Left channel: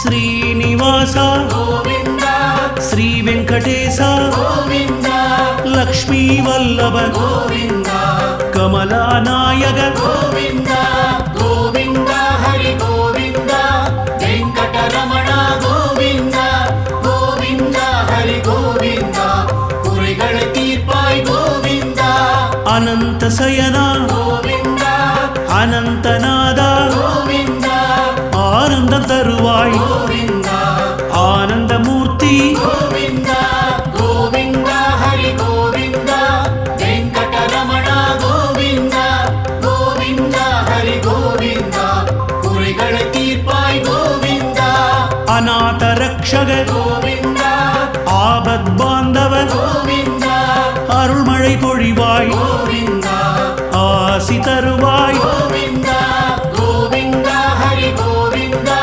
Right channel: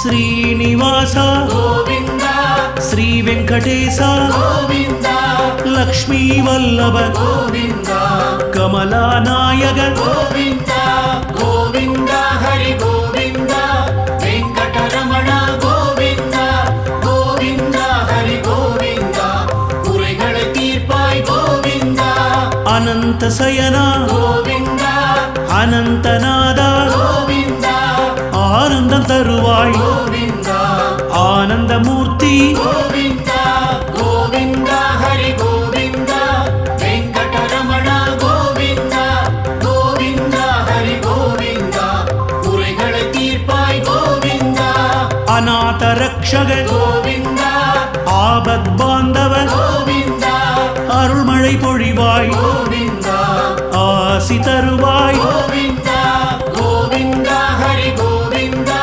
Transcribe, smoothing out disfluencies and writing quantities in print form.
శ్రీనివాస గోవింద శ్రీ వెంకటేశ గోవింద లక్ష్మీ వల్లభ గోవింద కమలానాయక గోవింద గోవింద హరి గోవింద వెంకటరమణ గోవింద గోవింద హరి గోవింద குறைகளை தீர்ப்பாய் கோவிந்த అనంత శయన கோவிந்த అనంతనాద கோவிந்த ஆனந்தம் தருவாய் கோவிந்த ஆனந்தமூர்த்தி கோவிந்த கோவிந்த ஹரி கோவிந்த வெங்கடரமண கோவிந்த கோவிந்த ஹரி கோவிந்த குறைகளை தீர்ப்பாய் கோவிந்த அநாத ரக்ஷக கோவிந்த ஆபத் பாந்தவ கோவிந்த அருள்மழை பொழிவாய் கோவிந்த ஆசி தருவாய் கோவிந்த